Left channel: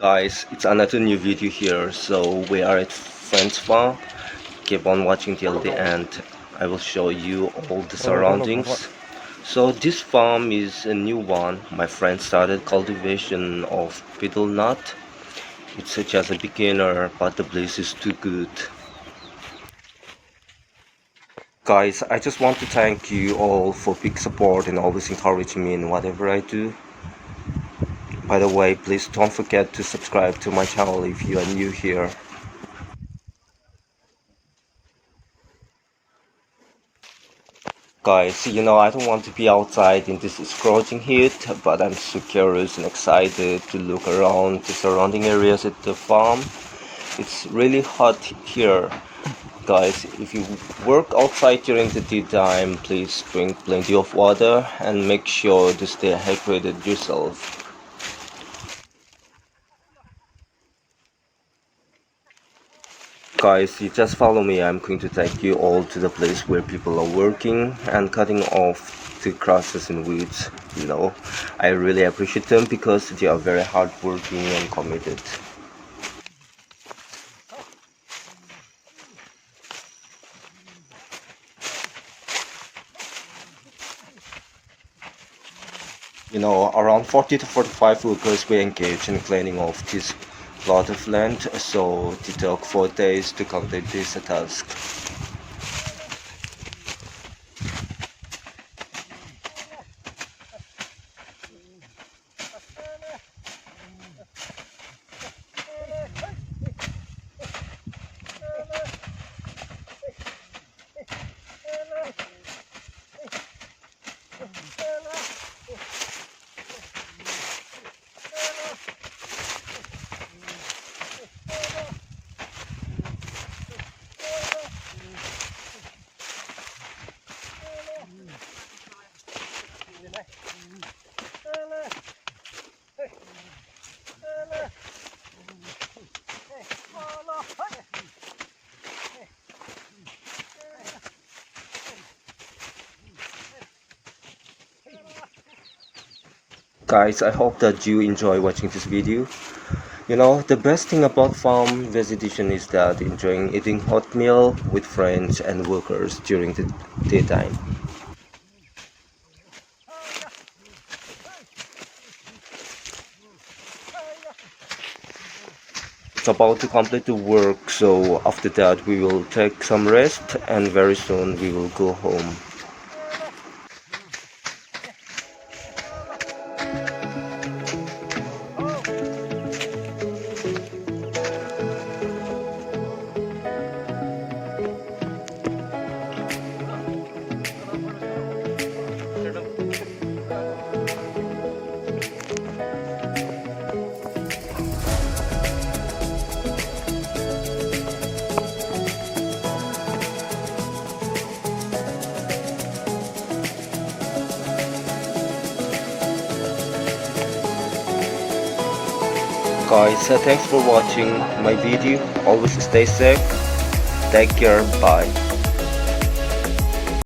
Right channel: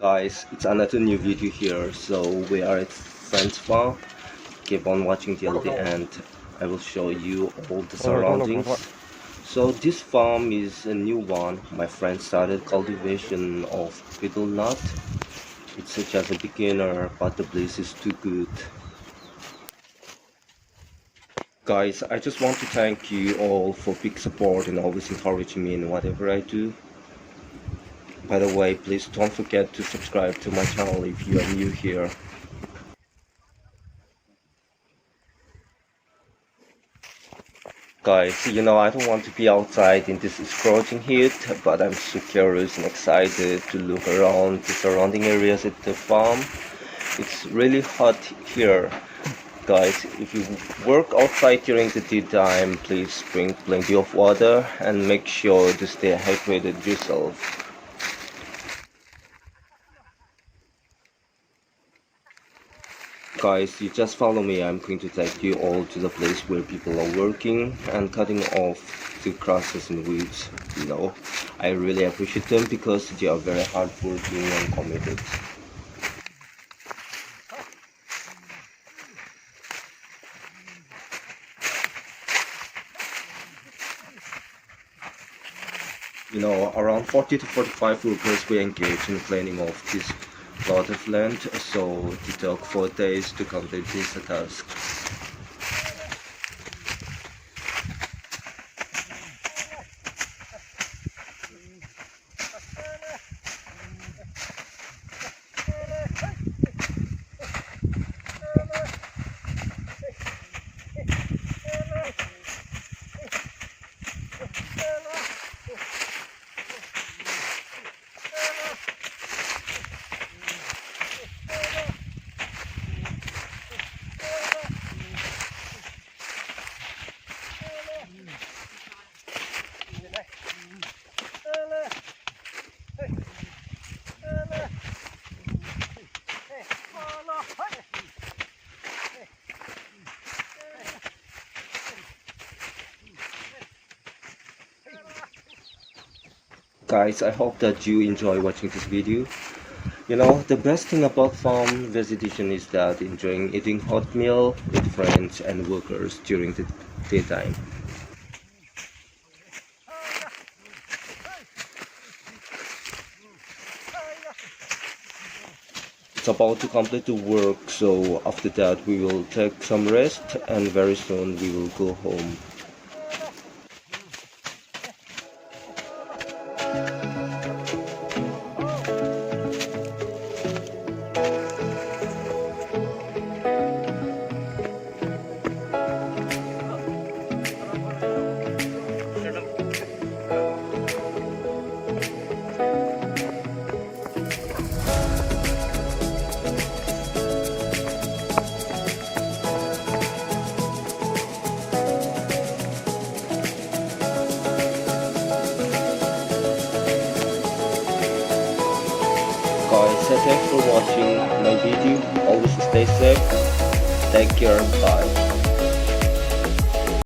Guys, it's another new video here. So we are at friend's farm. Keep on watching till the end. I will show you all the surroundings. So this farm is a new one. My friend started cultivation of betelnut. It's just a beginner, but the place is too good. Guys, I just want to thank you all for big support and always encouraging me in whatever I do. By the way, please don't forget to subscribe to my channel if you are new here. Guys, I don't want to be outside in this scorching heat, but I'm so curious and excited to look around the surrounding areas at the farm. It's really hot here. Guys, if you work outside during the daytime, please drink plenty of water and make sure to stay hydrated yourself. Guys, you just follow me. I'm going to take you all to the place where people are working and cutting off the grasses and weeds. I really appreciate them because they are very hardworking and committed. Around 40 to 45 workers were engaged in cleaning off this plot of land, so it took 4 days to complete this task. Guys, I hope that you enjoy watching this video. The best thing about farm visitation is that enjoying eating hot meal with friends and workers during the daytime. It's about to complete the work, so after that we will take some rest and very soon we will go home. Guys, thanks for watching my video. Always stay safe. Take care. Bye.